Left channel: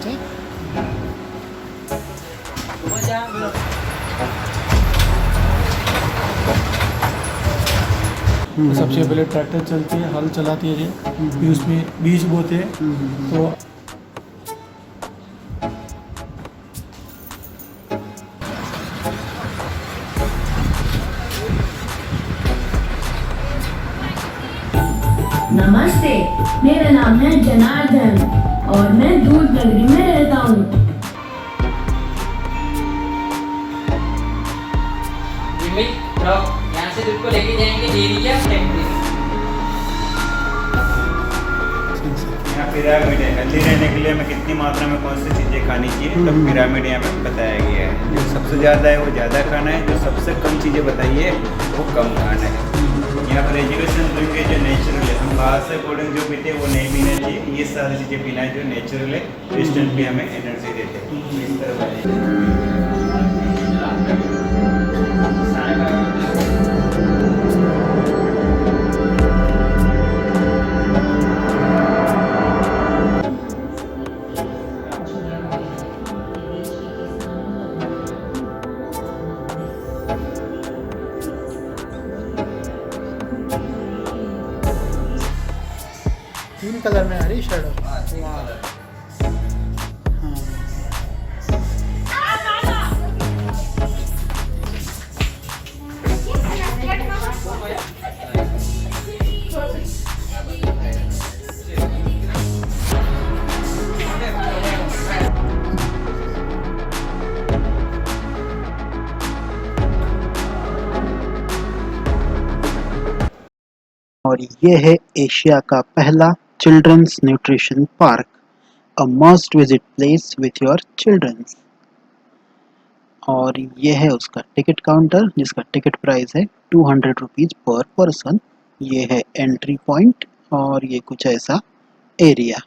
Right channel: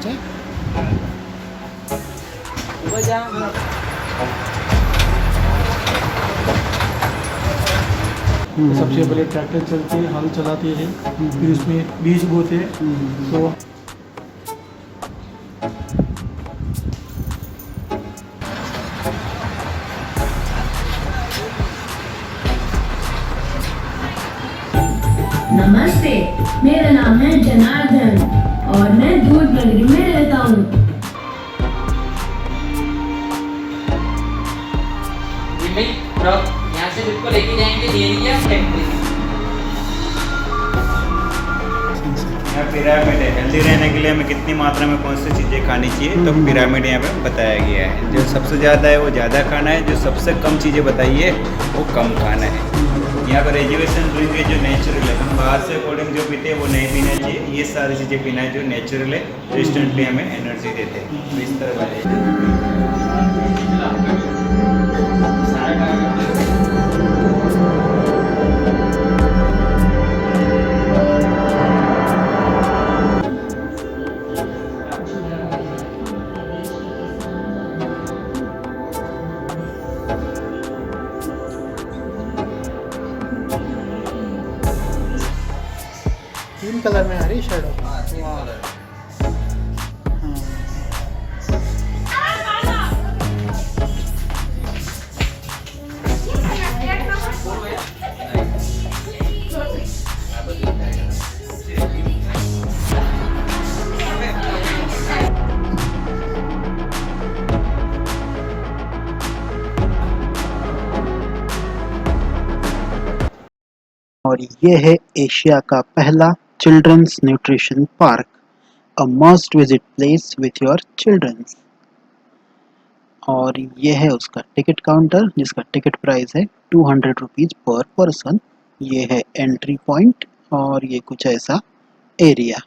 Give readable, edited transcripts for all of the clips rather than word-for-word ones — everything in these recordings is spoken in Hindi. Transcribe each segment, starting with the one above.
अच्छा सबसे पहले ट्रैक्टर चलती है, हल चलाती है, फिर उसमें बीज बोते हैं। तो नमस्ते, मेरा नाम है जनार्दन और मैं दूध नगरी में रहता हूँ। यहाँ से दूध को लेके जाएंगे डेयरी या फैक्ट्री। यहाँ पिरामिड है, हेल्दी रहने के लिए हमें कितनी मात्रा में कौन सी चीज़ें खानी चाहिए, तो पिरामिड यहाँ पे बताया गया है। जो सबसे ज़्यादा है वो ज़्यादा खाना है, जो सबसे कम चीज़ें बताई है वो कम खाना है। यहाँ पर एजुकेशन ड्रिंक है जो नेचुरल है, हम बाहर से कोल्ड जो पीते हैं वो नहीं पीना चाहिए। ये सारी चीज़ें पीना है जो नेचुरल है, जो इंस्टेंटली हमें एनर्जी देते हैं। इस तरह तीन कलर में आ रही शर्ट। वाह और ये है एशिया का पहला childrens nutrition park, a must visit place with your childrens. और ये है उसका टिकट काउंटर जिसका टिकट प्राइस है 200 रुपीज़ पर पर्सन। ये है एंट्री पॉइंट और ये कुछ ऐसा एरिया।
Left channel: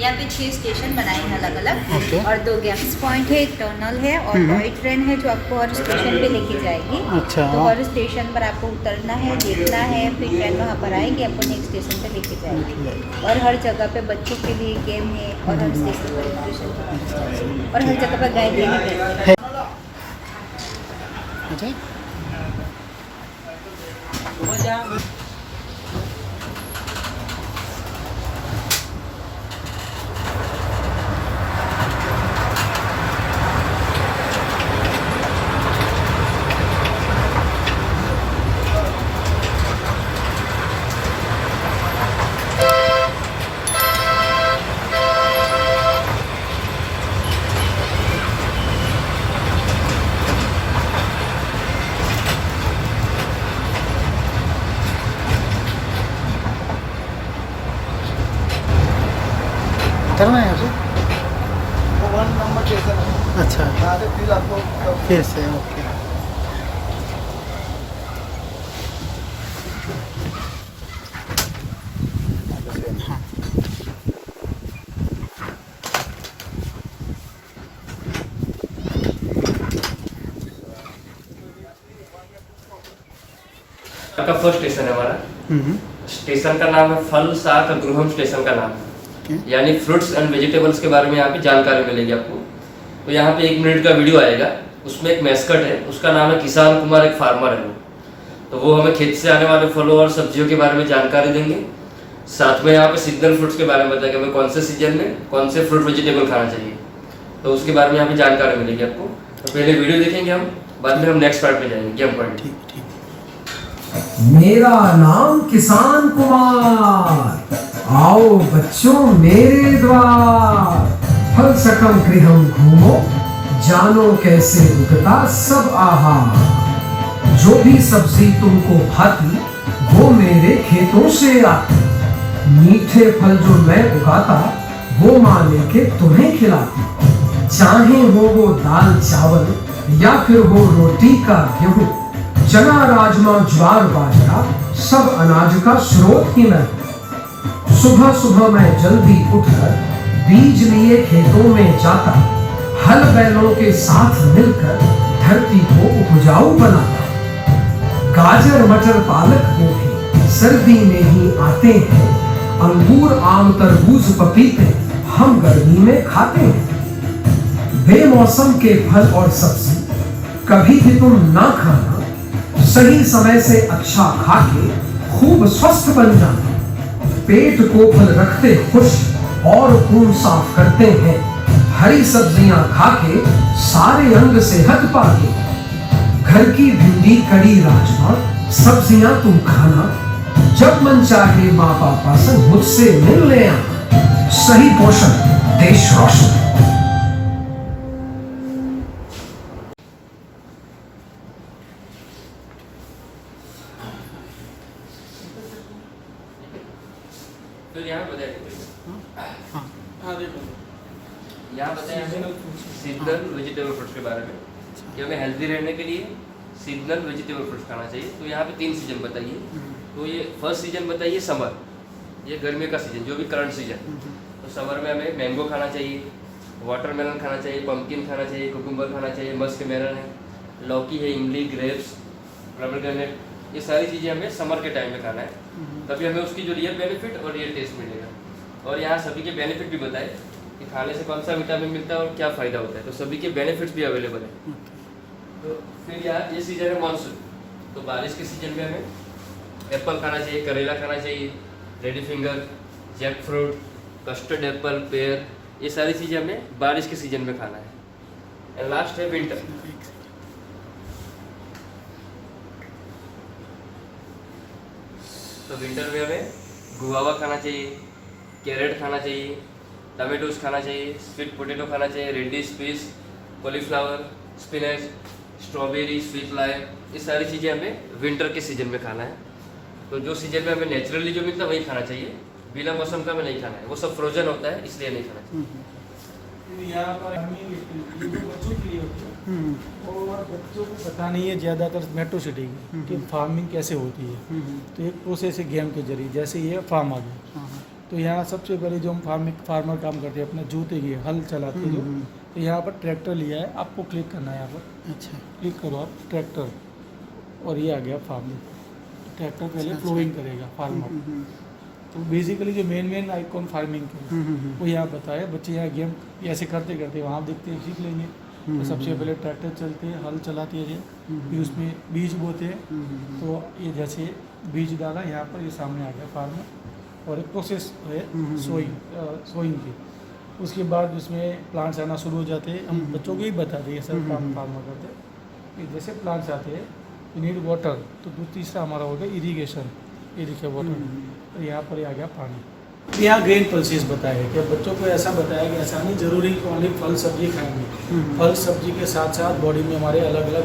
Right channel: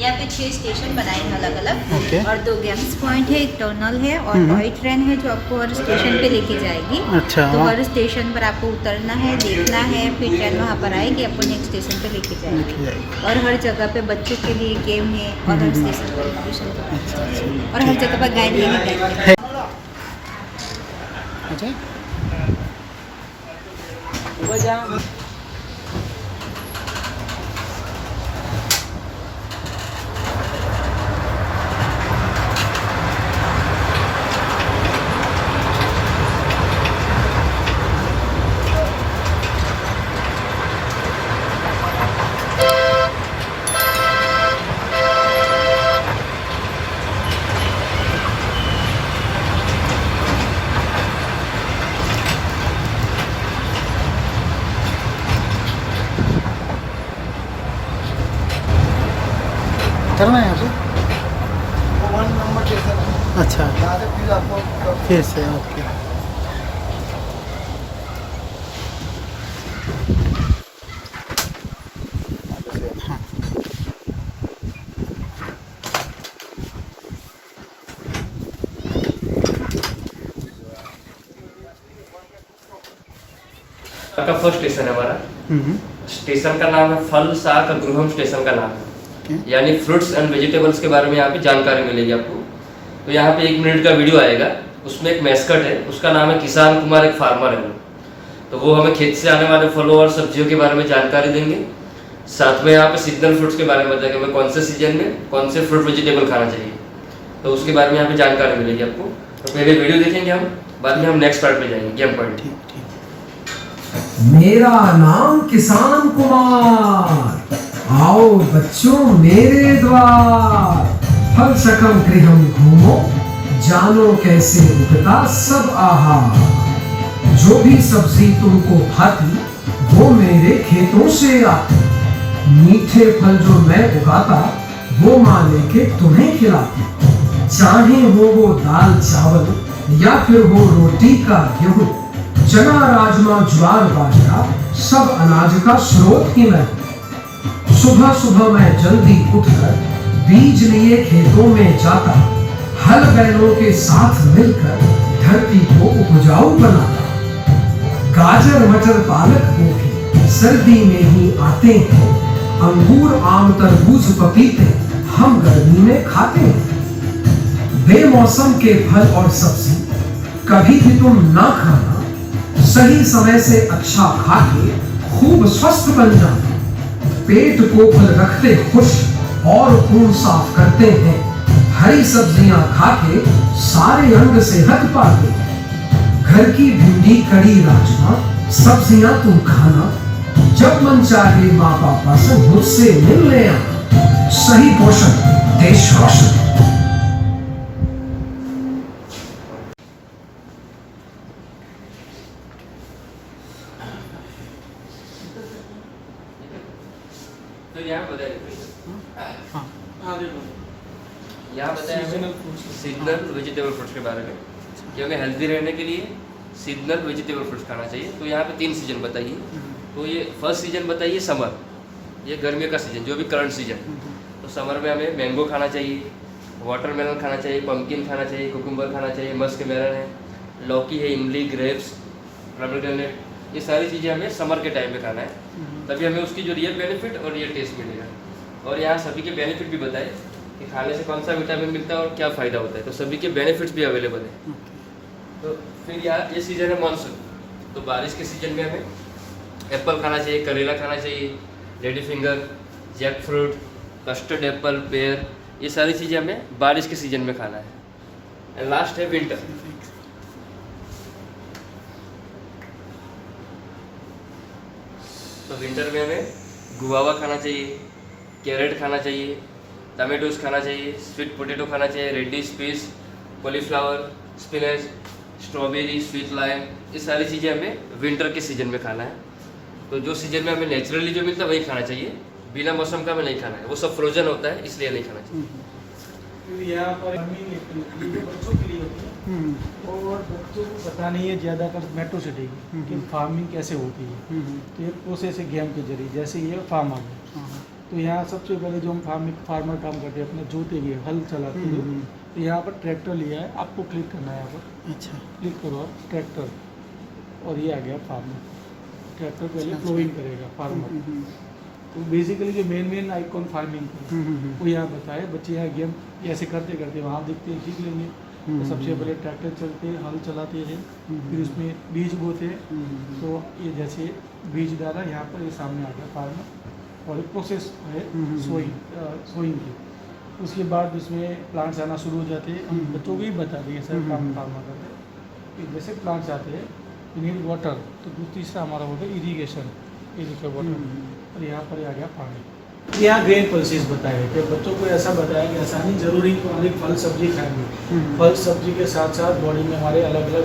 यहाँ पे 6 स्टेशन बनाए हैं अलग अलग Okay. और 2 गेम्स पॉइंट है, एक टनल है और टॉय ट्रेन है जो आपको हर स्टेशन पे लेके जाएगी। अच्छा। तो हर स्टेशन पर आपको उतरना है, देखना है, फिर ट्रेन वहाँ पर आएगी, आपको नेक्स्ट स्टेशन पे लेके जाएगी। और हर जगह पे बच्चों के लिए गेम है और हर स्टेशन पर एजुकेशन और हर जगह पर गाइड है। अच्छा करना है यहाँ पे। अच्छा फिर से ओके। हाँ का फर्स्ट स्टेशन है हमारा। स्टेशन का नाम है फल शाक गृहम स्टेशन का नाम है, यानी फ्रूट्स एंड वेजिटेबल्स के बारे में यहाँ पे जानकारी मिलेगी आपको। तो यहाँ पे 1 मिनट का वीडियो आएगा, उसमें एक मैस्कट है, उसका नाम है किसान कुमार, एक फार्मर है वो। तो वो हमें खेत से आने वाले फलों और सब्जियों के बारे में जानकारी देंगे। साथ में यहाँ पे सीजनल फ्रूट्स के बारे में बताएंगे हमें कौन से सीजन में कौन से फ्रूट वेजिटेबल खाना चाहिए, तो उसके बारे में यहाँ पे जानकारी मिलेगी आपको। तो पहले वीडियो देखेंगे हम, बाद में हम नेक्स्ट पार्ट में जाएंगे, गेम पॉइंट। मेरा नाम किसान कुमार, आओ बच्चों मेरे द्वार। फल शकम गृहम घूमो, जानो कैसे उगता सब आहार। जो भी सब्जी तुमको खाती वो मेरे खेतों से आती। मीठे फल जो मैं उगाता वो माँ लेके तुम्हें खिलाती। चाहे हो वो दाल चावल या फिर हो रोटी का गेहूं, चना राजमा ज्वार बाजरा सब अनाज का स्रोत ही मैं। सुबह सुबह मैं जल्दी उठकर बीज लिए खेतों में जाता, हल बैलों के साथ मिलकर धरती को उपजाऊ बनाता। गाजर मटर पालक गोभी सर्दी में ही आते हैं, अंगूर आम तरबूज पपीते हम गर्मी में खाते हैं। बेमौसम के फल और सब्जी कभी भी तुम ना खाना, सही समय से अच्छा खा के खूब स्वस्थ बन जाना। पेट को खुद रखते खुश और खून साफ करते हैं, हरी सब्जियां खा के सारे अंग सेहत पाके। घर की भिंडी कड़ी राजमा सब्जियां तुम खाना, जब मन चाहे माँ पापा से मुझसे मिलने आना। सही पोषण देश रोशन। फिर यहाँ बताया हाँ हाँ देखो यहाँ बताया Seasonal fruits. Seasonal vegetable fruits के बारे में कि हमें हेल्दी रहने के लिए सीजनल वेजिटेबल फ्रूट्स खाना चाहिए। तो यहाँ पे 3 सीजन बताइए। तो ये फर्स्ट सीजन बताइए समर, ये गर्मियों का सीजन जो भी करंट सीजन। तो समर में हमें मैंगो खाना चाहिए, वाटरमेलन खाना चाहिए, पम्पकिन खाना चाहिए, कुकुम्बर खाना चाहिए, मस्क मेलन है, लौकी है, इमली, ग्रेप्स, पोमेग्रेनेट, ये सारी चीज़ें हमें समर के टाइम में खाना है। तभी हमें उसकी जो रियल बेनिफिट और रियल टेस्ट मिलेगा। और यहाँ सभी के बेनिफिट भी बताए कि खाने से कौन सा विटामिन मिलता है और क्या फ़ायदा होता है। तो सभी के बेनिफिट्स भी अवेलेबल है। तो फिर यहाँ ये सीज़न है मानसून, तो बारिश के सीज़न में हमें एप्पल खाना चाहिए, करेला खाना चाहिए, lady finger, jackfruit, custard apple, pear, ये सारी चीज़ें हमें बारिश के सीज़न में खाना है। एंड लास्ट है विंटर। तो विंटर में हमें गुआवा खाना चाहिए, कैरेट खाना चाहिए, टमेटोज खाना चाहिए, स्वीट पोटैटो खाना चाहिए, radish, peas, cauliflower, spinach, strawberry, sweet lime, ये सारी चीज़ें हमें विंटर के सीज़न में खाना है। तो जो सीज़न में हमें नेचुरली जो मिलता है वही खाना चाहिए, बिना मौसम का हमें नहीं खाना है। वो सब फ्रोजन होता है इसलिए नहीं खाना चाहिए। फिर यहाँ पर बच्चों के लिए होती है और बच्चों को पता नहीं है ज़्यादातर मेट्रो सिटी की कि फार्मिंग कैसे होती है। तो एक प्रोसेस है गेम के जरिए, जैसे ये फार्मर है। तो यहाँ सबसे पहले जो हम फार्मर काम करते हैं अपना जोते के हल चलाते हैं। तो यहाँ पर ट्रैक्टर लिया है, आपको क्लिक करना है यहाँ पर। अच्छा क्लिक करो ट्रैक्टर, और ये आ गया फार्मर। ट्रैक्टर पहले फ्लोइंग करेगा फार्मर। तो बेसिकली जो मेन आइकॉन फार्मिंग की वो यहाँ बताया। बच्चे यहाँ गेम ऐसे करते करते वहाँ दिखते हैं, सीख लेंगे। तो सबसे पहले ट्रैक्टर चलती है, हल चलाती है, फिर उसमें बीज बोते हैं। तो ये जैसे बीज डाला यहाँ पर, ये सामने आ गया फार्मर, और प्रोसेस है सोइंग की। उसके बाद उसमें प्लांट्स आना शुरू हो जाते हैं। बच्चों को ही बताते हैं सर काम करते हैं कि जैसे प्लांट्स आते हैं यू नीड वाटर। तो तीसरा हमारा हो गया इरीगेशन, वाटर। और यहाँ पर आ गया पानी। यहाँ ग्रेन पल्सेस बताया कि बच्चों को ऐसा बताया कि ऐसा नहीं जरूरी कि ओनली फल सब्जी खाएंगे। फल सब्जी के साथ साथ बॉडी में हमारे अलग अलग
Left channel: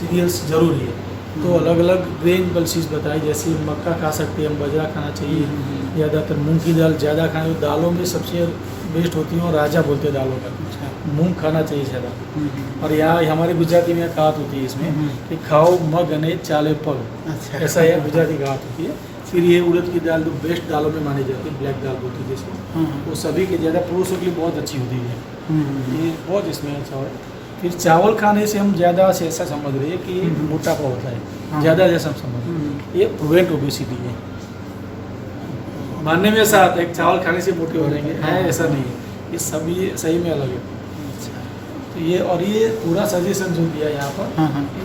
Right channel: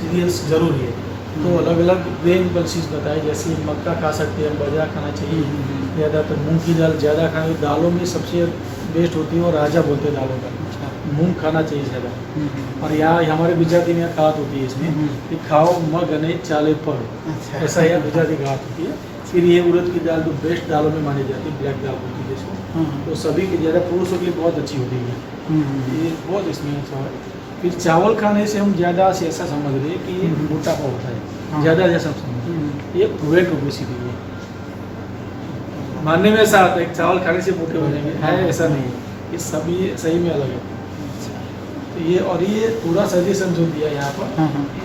सीरियल्स जरूरी है। तो अलग अलग ग्रेन पल्सेस बताए, जैसे मक्का खा सकते हैं, बाजरा खाना चाहिए, ज़्यादातर मूंग की दाल ज़्यादा खाएं। दालों में सबसे बेस्ट होती हैं और राजा बोलते हैं दालों का, मूंग खाना चाहिए ज़्यादा। और यहाँ हमारे गुजराती में कहावत होती है इसमें कि खाओ मग अने चाले पर, ऐसा यह गुजराती कहावत होती है। फिर ये उड़द की दाल जो बेस्ट दालों में मानी जाती है, ब्लैक दाल होती है जैसे, तो सभी के ज़्यादा पुरुषों के लिए बहुत अच्छी होती है। ये बहुत इसमें अच्छा है। फिर चावल खाने से हम ज़्यादा से ऐसा समझ रहे हैं कि मोटापा होता है ज़्यादा, जैसा समझ ये वेट ओबेसिटी है। मानने में ऐसा आता है कि चावल खाने से मोटे हो जाएंगे, है ऐसा नहीं, ये सभी सही में अलग है। तो ये और ये पूरा सजेशन जो दिया यहाँ पर,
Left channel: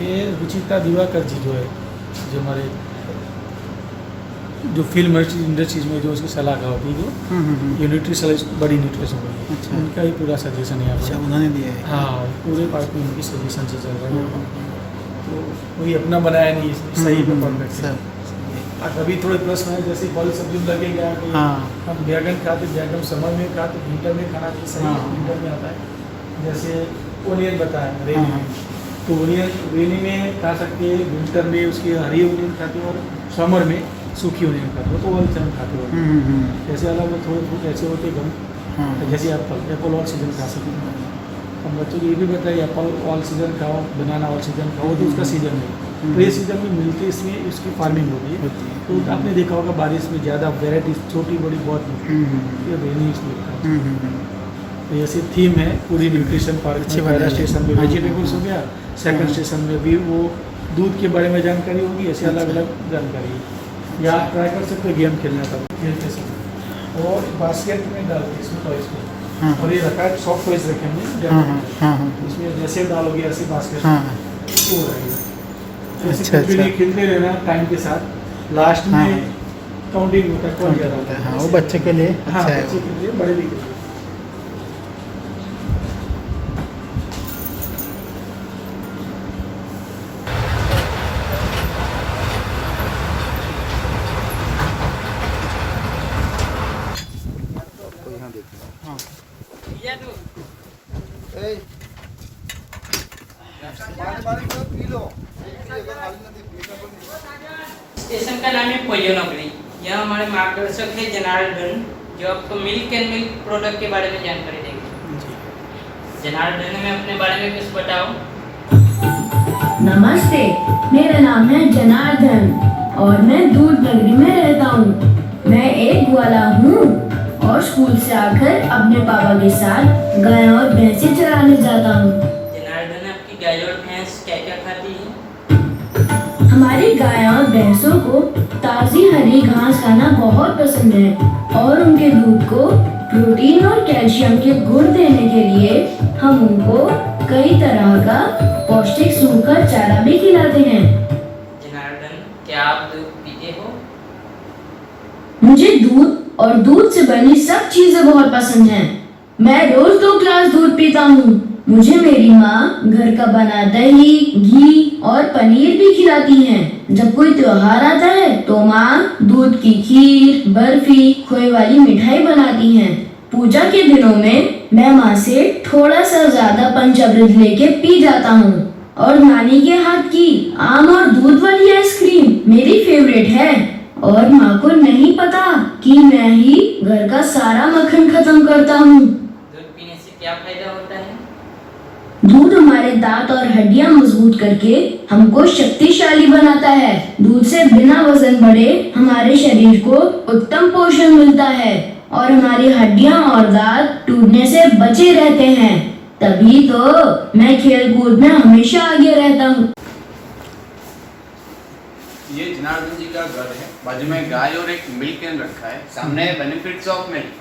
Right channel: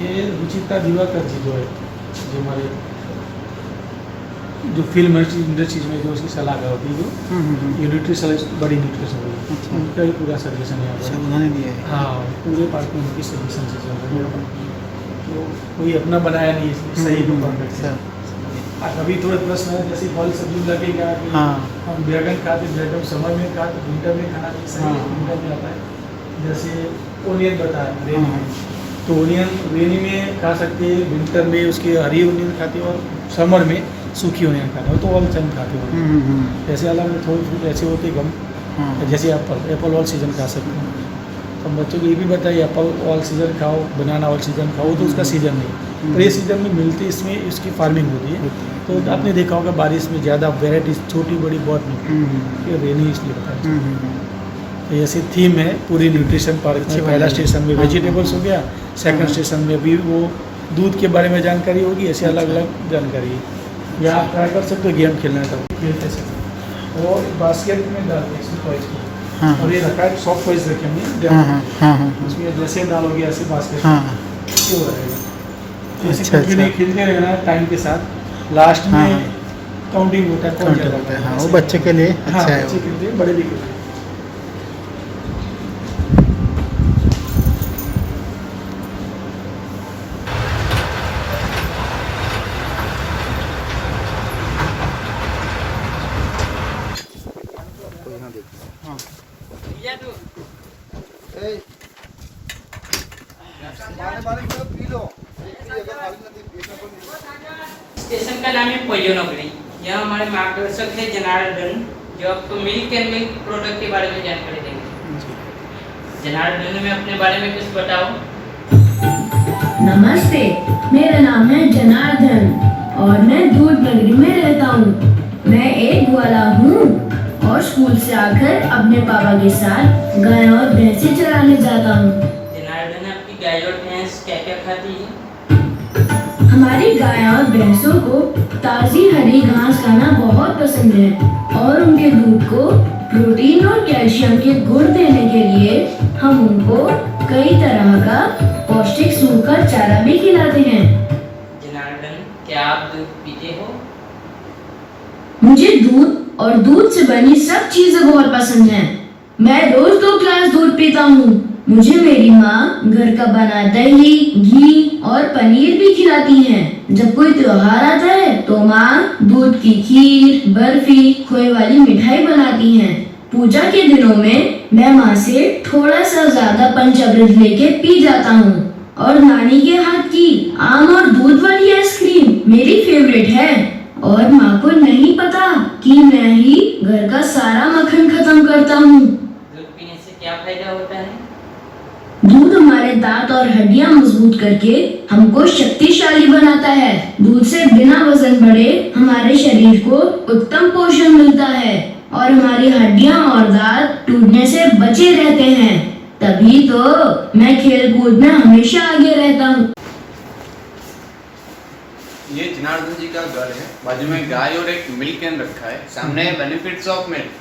ये रुचिता दिवाकर जी जो है, जो हमारे जो फिल्म इंडस्ट्रीज में जो उसकी सलाहकार होती है, जो ये न्यूट्रिशनिस्ट बड़ी न्यूट्रिशन, उनका ही पूरा सजेशन यहाँ पर उन्होंने दिया है। हाँ, और पूरे पार्ट में उनकी सजेशन से चल रहा है। तो कोई अपना बनाया नहीं, सही परफेक्ट। अभी थोड़े प्रश्न है, जैसे फल सब्जी लगेगा कि हम बैगन खाते, बैगन समर में खाते, विंटर में खाना चाहिए, सही विंटर में आता है। जैसे ओनियन बताया रेनी में, तो ओनियन रेनी में खा सकते हैं, विंटर में उसकी हरी ओनियन खाते हैं, और समर में सूखी ओनियन खाते हैं। तो ऑल सीजन खाते हैं। जैसे अलग थोड़ी फ्रूट ऐसे होती है कम, जैसे एप्पल ऑल सीजन खा सकते हैं। हम बच्चों को ये भी बताइए एप्पल ऑल सीजन खाओ, बनाना ऑल सीजन खाओ, तो उसका सीजन नहीं, तो ये सीजन में मिलती है, इसमें इसकी फार्मिंग होती है। तो आपने देखा होगा बारिश में ज़्यादा वेराइटीज छोटी बड़ी बहुत मिलती है, रेनी इसलिए होता है। तो ऐसी थीम है पूरी न्यूट्रिशन पार्क में। पहला स्टेशन में वेजिटेबल्स हो गया, सेकंड स्टेशन में भी वो दूध के बारे में जानकारी होगी, ऐसे अलग अलग जानकारी है। या आप ट्राई कर सकते हो गेम खेलने का, खेलते सकते और बास्केट में डाल के इसमें टॉयज को। और ये रखा है सॉफ्ट टॉयज रखेंगे, इसमें जैसे डालोगे ऐसे बास्केट वो रहेगा। अच्छा, खेलते रहना टाइम के साथ, लास्ट में काउंटिंग होता है कौन ज़्यादा होता है। हाँ, वो बच्चे के लिए अच्छा है, बच्चे के लिए, बड़े भी के लिए। स्टेशन का नाम है पोयोनगरी। यहाँ हमारे मार्गदर्शक है जनार्दन, जो आपको मिल्क एंड मिल्क प्रोडक्ट के बारे में जानकारी देंगे। जनार्दन, में अपने बारे में कुछ बताओ। नमस्ते, मेरा नाम है जनार्दन और मैं दूध नगरी में रहता हूँ। मैं एक ग्वाला हूँ और स्कूल से आकर अपने पापा के साथ गाय और भैंसे चराने जाता हूँ। जनार्दन, आपकी गाय और भैंस क्या क्या खाती है? हमारी गाय और भैंसों को ताज़ी हरी घास खाना बहुत पसंद है और उनके दूध को प्रोटीन और कैल्शियम के गुण देने के लिए हम उनको कई तरह का पौष्टिक सूखा चारा भी खिलाते हैं। जनार्दन, क्या आप दूध पीते हो? मुझे दूध और दूध से बनी सब चीजें बहुत पसंद हैं। मैं रोज 2 गिलास दूध पीता हूँ। मुझे मेरी माँ घर का बना दही, घी और पनीर भी खिलाती हैं। जब कोई त्योहार आता है तो माँ दूध की खीर, बर्फी, खोए वाली मिठाई बनाती हैं। पूजा के दिनों में मैं माँ से थोड़ा सा ज्यादा पंचामृत लेके पी जाता हूँ और नानी के हाथ की आम और दूध वाली आइसक्रीम मेरी फेवरेट है। और माँ को नहीं पता कि मैं ही घर का सारा मक्खन खत्म करता हूँ। दूध पीने से क्या फायदा होता है? दूध हमारे दांत और हड्डियां मजबूत करके हमको शक्तिशाली बनाता है। दूध से बिना वजन बढ़े हमारे शरीर को उत्तम पोषण मिलता है और हमारी हड्डियां और दांत टूटने से बचे रहते हैं। तभी तो मैं खेल कूद में हमेशा आगे रहता हूँ। ये जनार्दन जी का घर है, बाजू में गाय और एक मिल्क कैन रखा है। सामने benefits of milk,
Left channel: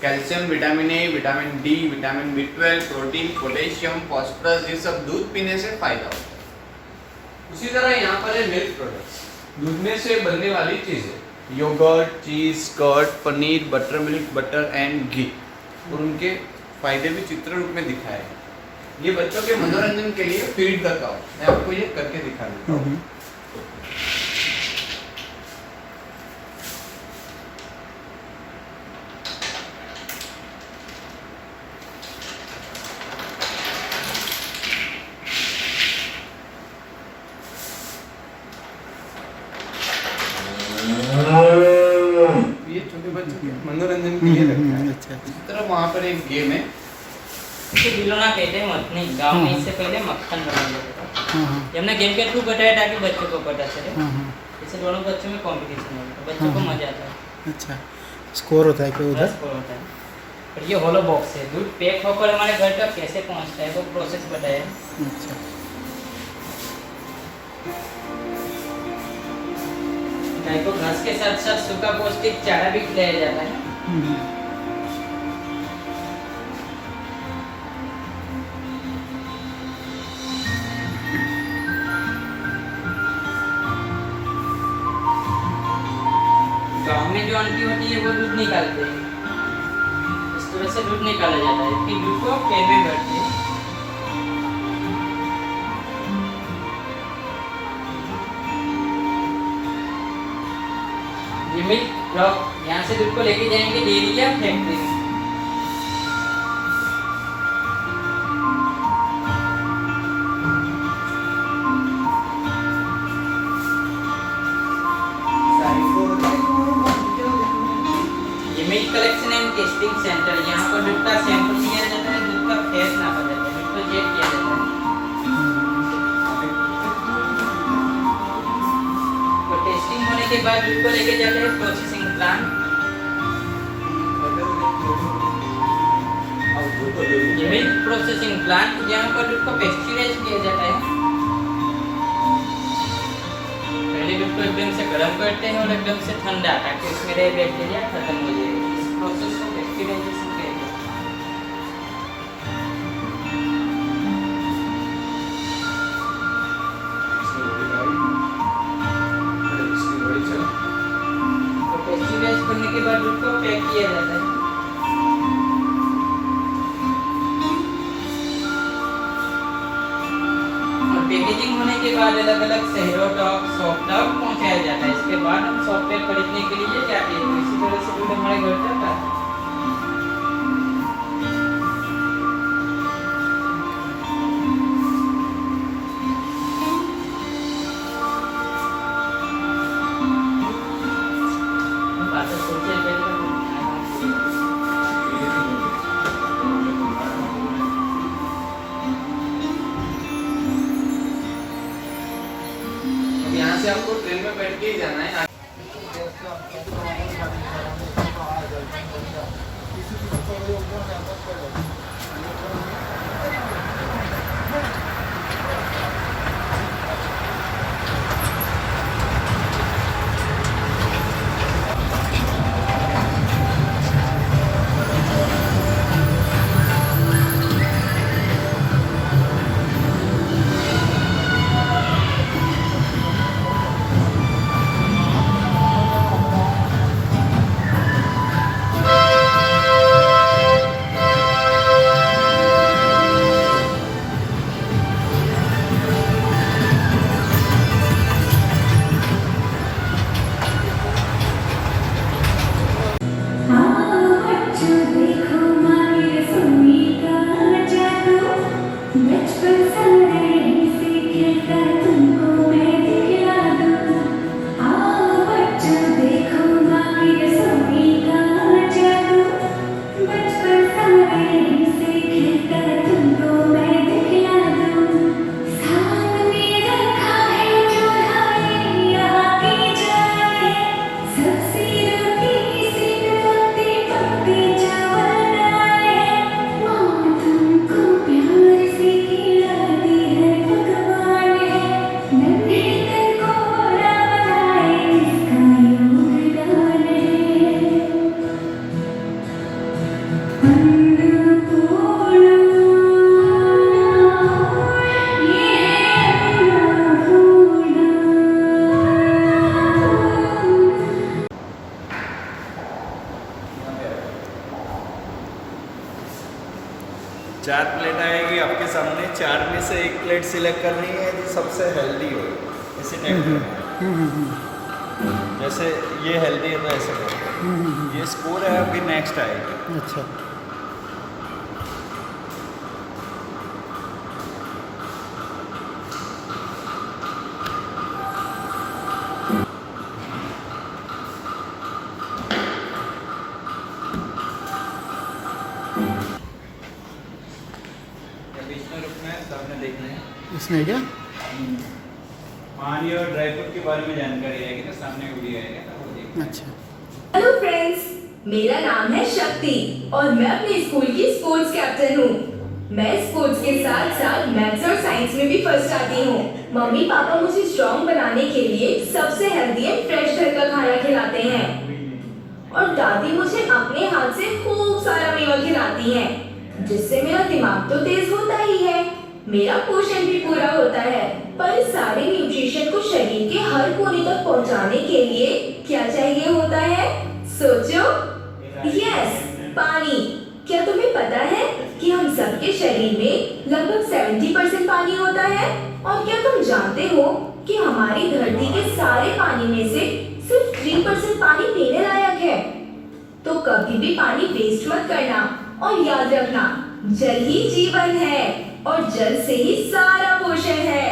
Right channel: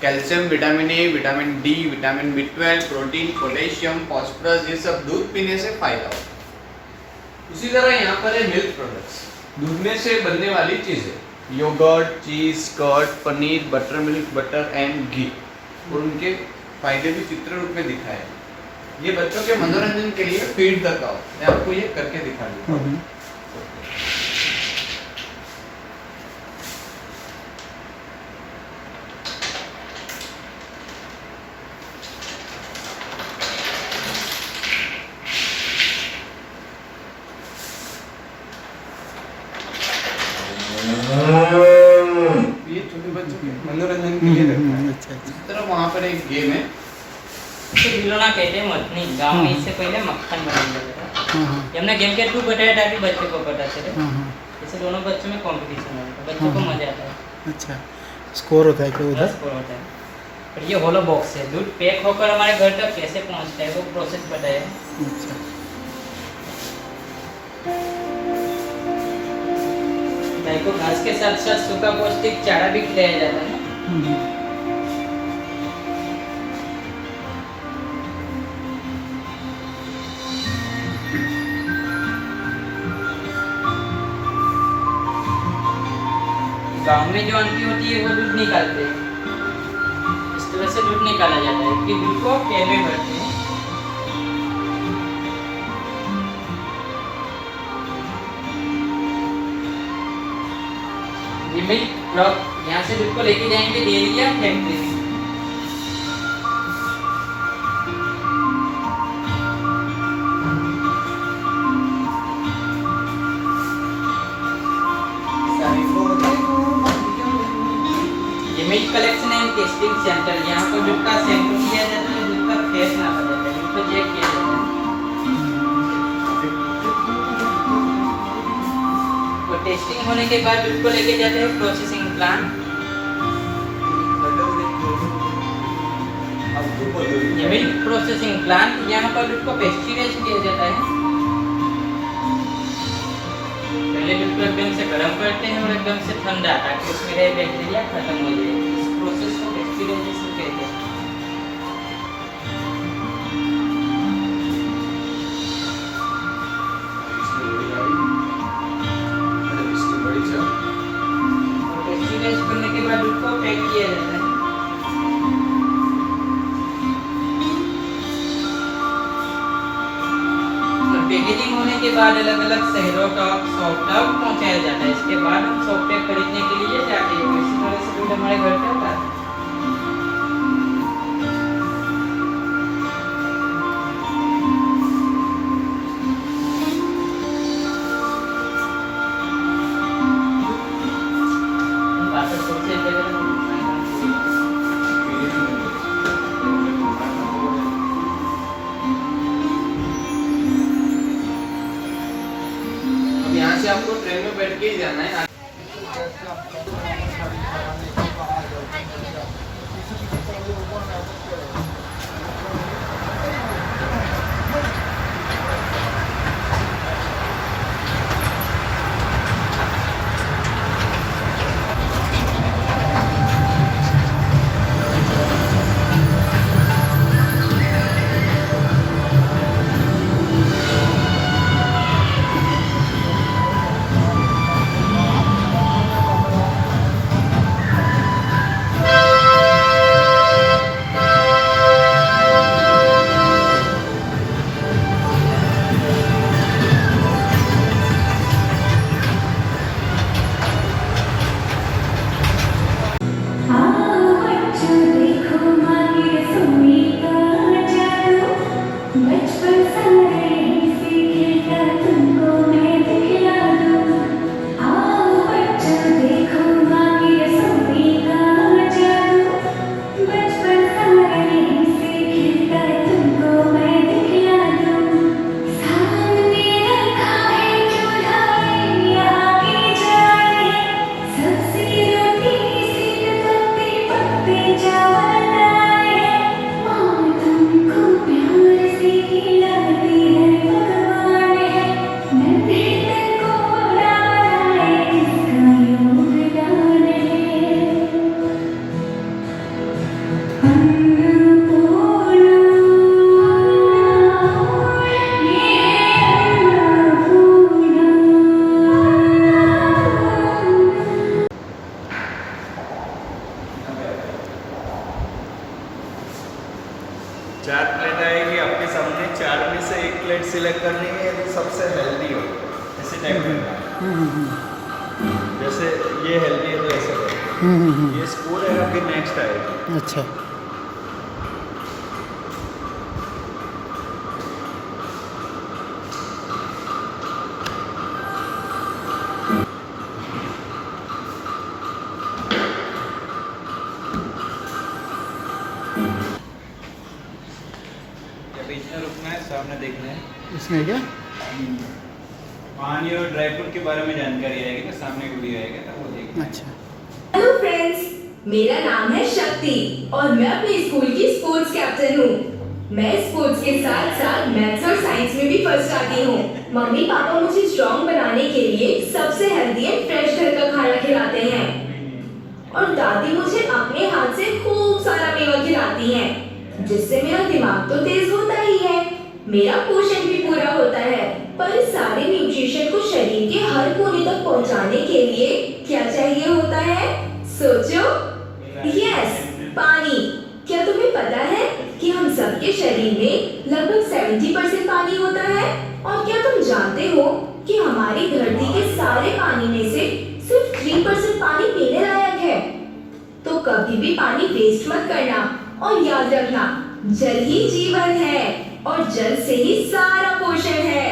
calcium, vitamin A, vitamin D, vitamin B12, protein, potassium, phosphorus, ये सब दूध पीने से फायदा होता है। उसी तरह यहाँ पर है मिल्क प्रोडक्ट्स, दूध में से बनने वाली चीज़ें, yogurt, cheese, curd, paneer, butter milk, butter and ghee, और उनके फायदे भी चित्र रूप में दिखाए हैं। ये बच्चों के मनोरंजन के लिए फीड द काउ, मैं आपको ये करके दिखा देता हूँ। ये छोटे बच्चों के मनोरंजन के लिए रखा है। अच्छा, इस तरह वहाँ पर एक गेम है, इसे बिलोना कहते हैं मथनी। गांव में इससे पहले मक्खन बनाया जाता था। हमने गेम के थ्रू बताया ताकि बच्चों को पता चले। इससे दोनों बच्चों में कंपटीशन होता है, बच्चों को मजा आता है। अच्छा, स्कोर होता है कि उधर स्कोर होता है। और ये होलो बॉक्स है, दूध पैक होकर हमारे घर तक कैसे पहुंचता है वो प्रोसेस बताया है। अच्छा, गाय को घास के साथ साथ सूखा पौष्टिक चारा भी खिलाया जाता है। गाँव में जो आंटी होती है वो दूध निकालते हैं, इस तरह से दूध निकाला जाता है। फिर दूध को कैन में भरते हैं। ये मिल्क ट्रक यहाँ से दूध को लेके जाएंगे डेयरी या फैक्ट्री में। Milk collection and testing centre, यहाँ पर दूध का सैंपल लिया जाता है, दूध का फेस नापा जाता है, दूध को चेक किया जाता है। तो टेस्टिंग होने के बाद दूध को लेके जाते हैं प्रोसेसिंग प्लांट। अब ये मिल्क प्रोसेसिंग प्लांट, यहाँ पर दूध को पेस्चराइज किया जाता है। पहले दूध को एकदम से गर्म करते हैं और एकदम से ठंडा, ताकि उसमें रहे बैक्टीरिया खत्म हो जाए। इस प्रोसेस को पेस्चराइजेशन कहते हैं। पेस्चराइज करने के बाद दूध को पैक किया जाता है। पैकेजिंग होने के बाद अलग अलग शहरों का सॉफ्ट आउट पहुंचाया जाता है। इसके बाद हम सॉफ्टवेयर खरीदने के लिए जाते हैं। इसी तरह से दूध हमारे घर पे आता है। बात सोचे यहाँ से आपको ट्रेन में बैठ के ही जाना है। चार प्लेट आएगी आपके सामने, चार में से एक प्लेट सिलेक्ट करनी है जो सबसे हेल्दी हो, ऐसे टाइप का। जैसे ये हेल्दी है तो ऐसे करो। ये स्कूल है, आपकी नेक्स्ट आएगी। अच्छा, बीच में रुकना है, सामने देखना है। इसमें क्या पानी और ड्राई फ्रूट के बारे में जानकारी आएगी ना, सामने वीडियो आएगा ना, वो देखना। अच्छा, हेलो फ्रेंड्स, मेरा नाम है शक्ति और मैं अपने स्कूल की स्पोर्ट्स कैप्टन हूँ। मैं स्पोर्ट्स के साथ साथ मैथ्स और साइंस में भी फर्स्ट आती हूँ। मम्मी पापा मुझे स्ट्रॉन्ग बनाने के लिए सबसे हेल्दी एंड फ्रेश घर का खाना खिलाते हैं और दादी मुझे अपने हाथ से खूब सारा मेवा खिलाती हैं, जिससे मेरा दिमाग तो तेज होता ही है, मेरा पोषण भी पूरा होता है। पर इस सारे न्यूट्रिशन को शरीर के हर कोने तक पहुंचाने के लिए क्या चाहिए होता है? सोचो। यस, पानी। क्या तुम्हें पता है कि हम सबके शरीर में लगभग 70% पानी होता है? और क्या तुम जानते हो कि हमारी धरती के सारे पानी में से सिर्फ 3% पानी पीने लायक है? तो कभी भी पानी वेस्ट मत करना और याद रखना, जल ही जीवन है और जल से ही सारा पोषण है।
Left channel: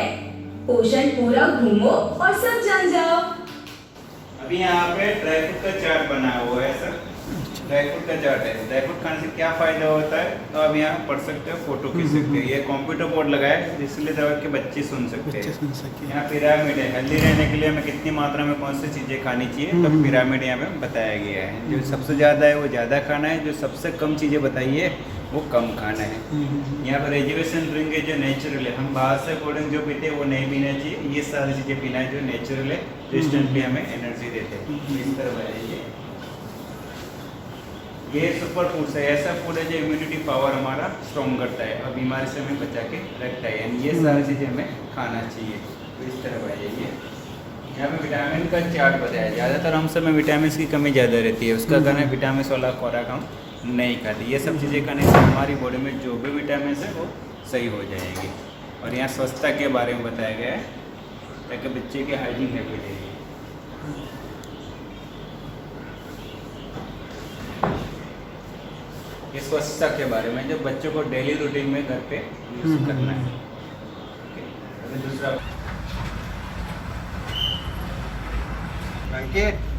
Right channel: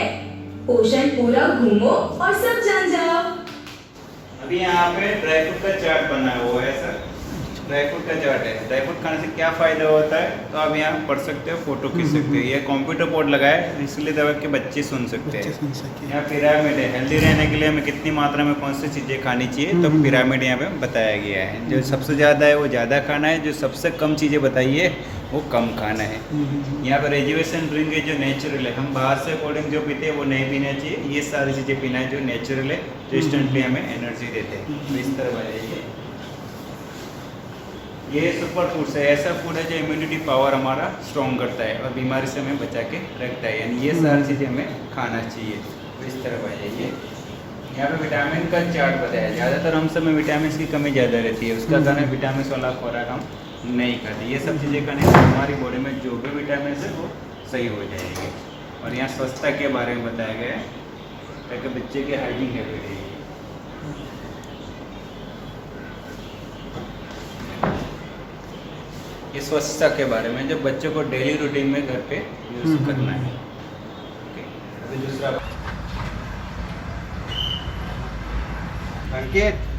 पोषण पूरा घूमो और सब जान जाओ। अभी यहाँ पे ड्राई फ्रूट का चार्ट बना हुआ है सर। ड्राई फ्रूट का चार्ट है। ड्राई फ्रूट खाने से क्या फ़ायदा होता है तो आप यहाँ पढ़ सकते हो, फोटो खींच सकते हो। ये कंप्यूटर बोर्ड लगा है इसलिए दवा के बच्चे सुन सकते हैं। सुन सके। यहाँ पिरामिड है, हेल्दी रहने के लिए हमें कितनी मात्रा में कौन सी चीज़ें खानी चाहिए तो पिरामिड यहाँ पे बताया गया है। जो सबसे ज़्यादा है वो ज़्यादा खाना है, जो सबसे कम चीज़ें बताई है वो कम खाना है। यहाँ पर एजुकेशन ड्रिंक है जो नेचुरल है, हम बाहर से कोल्ड ड्रिंक जो पीते हैं वो नहीं पीना चाहिए। ये सारी चीज़ें पीना है जो नेचुरल है, जो इंस्टेंटली हमें एनर्जी देते हैं। तो इस तरह है ये सुपर फूड्स है, ऐसा फूड है जो इम्यूनिटी पावर हमारा स्ट्रॉन्ग करता है और बीमारी से हमें बचा के रखता है। यानी ये सारी चीज़ें हमें खाना चाहिए। तो इस तरह आ जाइए। यहाँ पे विटामिन का चार्ट बताया। ज़्यादातर हम सब में विटामिन की कमी ज़्यादा रहती है, उसका कारण विटामिन वाला खुराक हम नहीं खाते। ये सब चीज़ें खाने से हमारी बॉडी में जो भी विटामिन है वो सही हो जाएगी। और यहाँ स्वच्छता के बारे में बताया गया है ताकि बच्चे की हाइजीन हैबिट है। ये स्वच्छता के बारे में जो बच्चों को डेली रूटीन में घर पे यूज करना है। अभी दूसरा अंकित,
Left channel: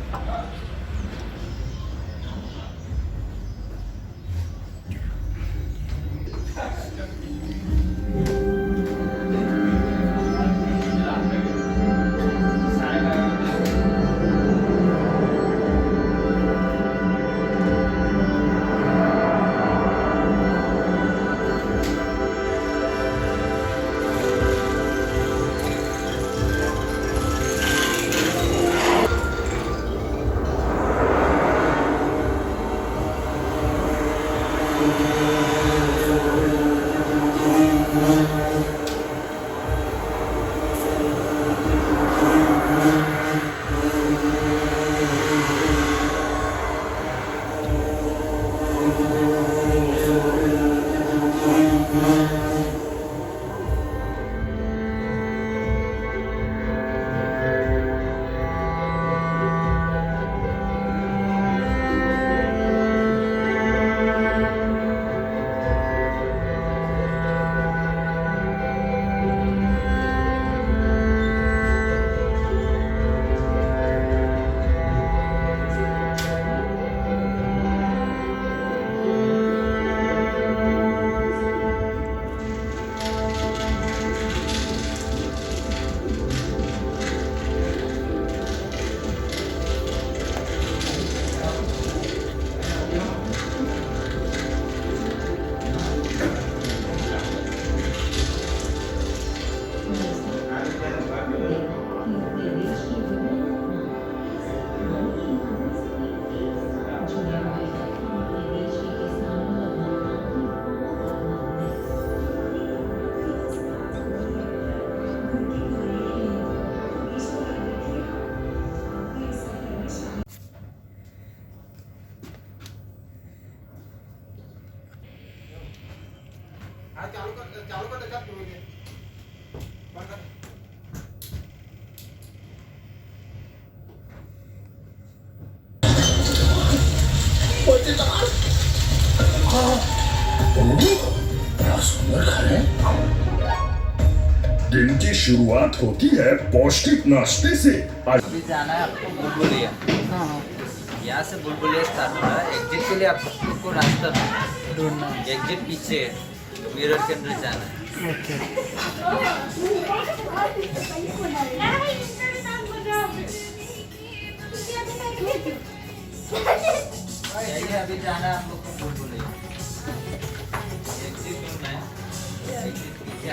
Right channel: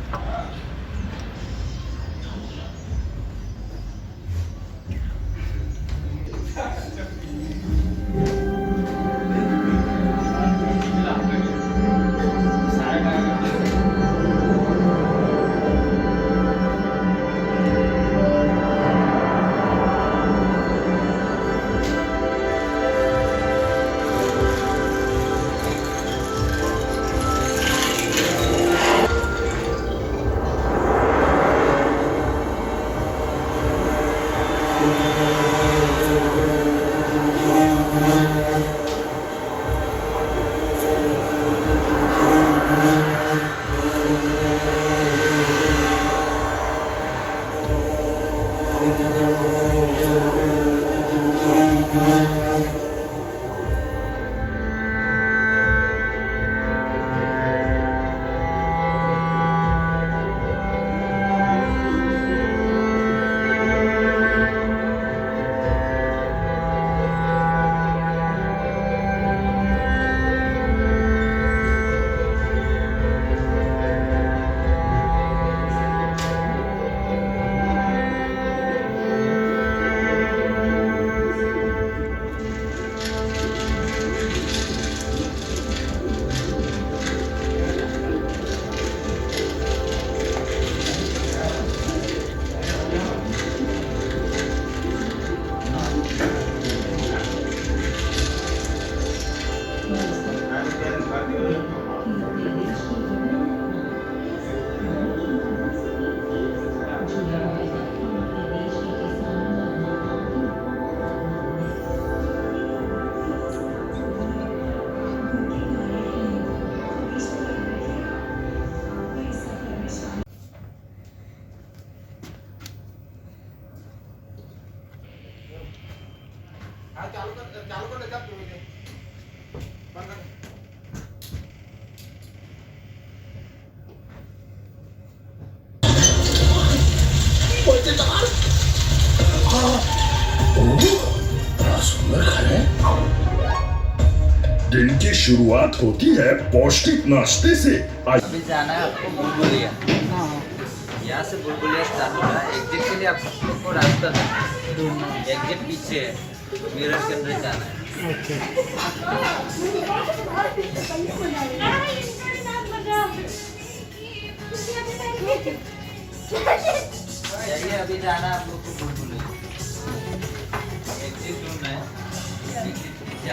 दिन की शुरुआत होती है पौष्टिक नाश्ते से। अभी जाना है आपको बुलबुलिया। यहाँ से बुलबुलिया स्टार्ट होगा। एग्जिट के लिए आपको रास्ता ढूंढना है। एग्जिट पीछे है, मिरर के अंदर जाना है। ओके। जाइए, अभी जाना है आप लोग को बुलबुलिया। एग्जिट ढूंढना है। एग्जिट पीछे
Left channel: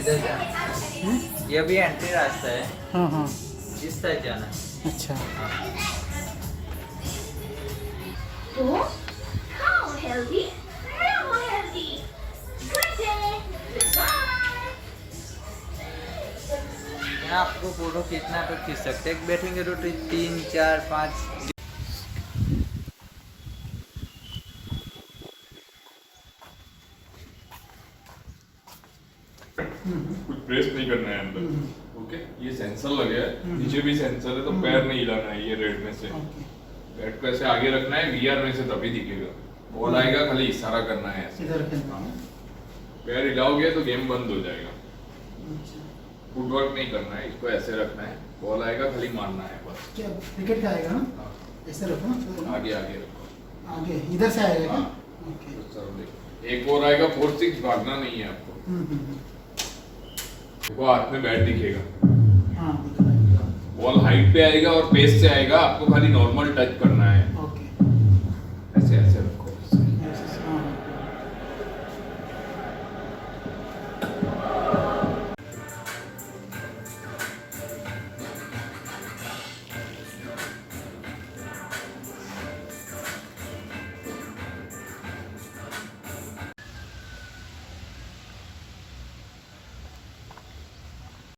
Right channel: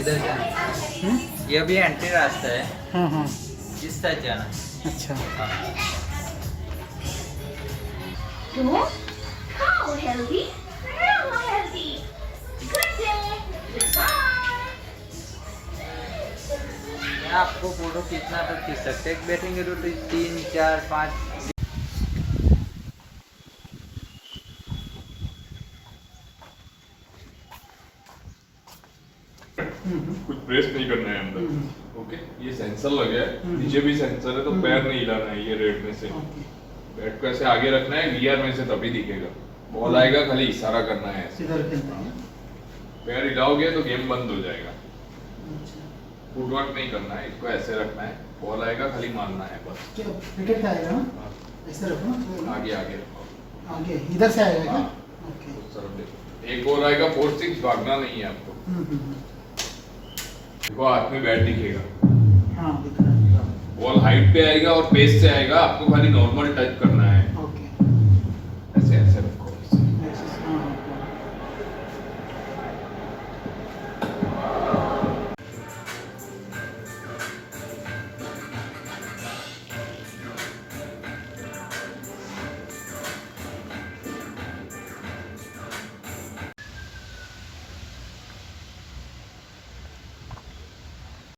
इधर जाना। ये भी एंट्री रास्ता है। हाँ हाँ। इस साइड जाना है। अच्छा तो खाओ हेल्दी, रहो हेल्दी। Good day, bye. यहाँ आपको फोटो खींचना तो खींच सकते हैं, बैठेंगे तो 3 4 5। कुछ प्रेस नहीं करना है अंदर। ओके, ये सेंसर लगे है, नीचे भी सेंसर है, तो पैर नहीं हिलाना है ये रेड में से। बैट को ऐसे आगे रखना है, वीआर में से तभी दिखेगा। बॉल आएगा, खाली इशारा करना है ऐसे। पैर हिलाओगे तो गेम बंद हो जाएगा। फुटवर्क नहीं करना है, इसको ऐसे रखना है, बॉल आएगा खाली मारना है बस। क्रिकेट का आएगा ना, ऐसे रखो ना, आगे आगे रखो, आगे इधर से आएगा क्या? ओके। एक और आएगा 4-6, भागना नहीं है आपको। देखो हाथ में बैट दिखेगा, हाँ दिख रहा है। बॉल हाइट पे आएगा और पेस से आएगा, आपको खाली नॉर्मल टच करना है।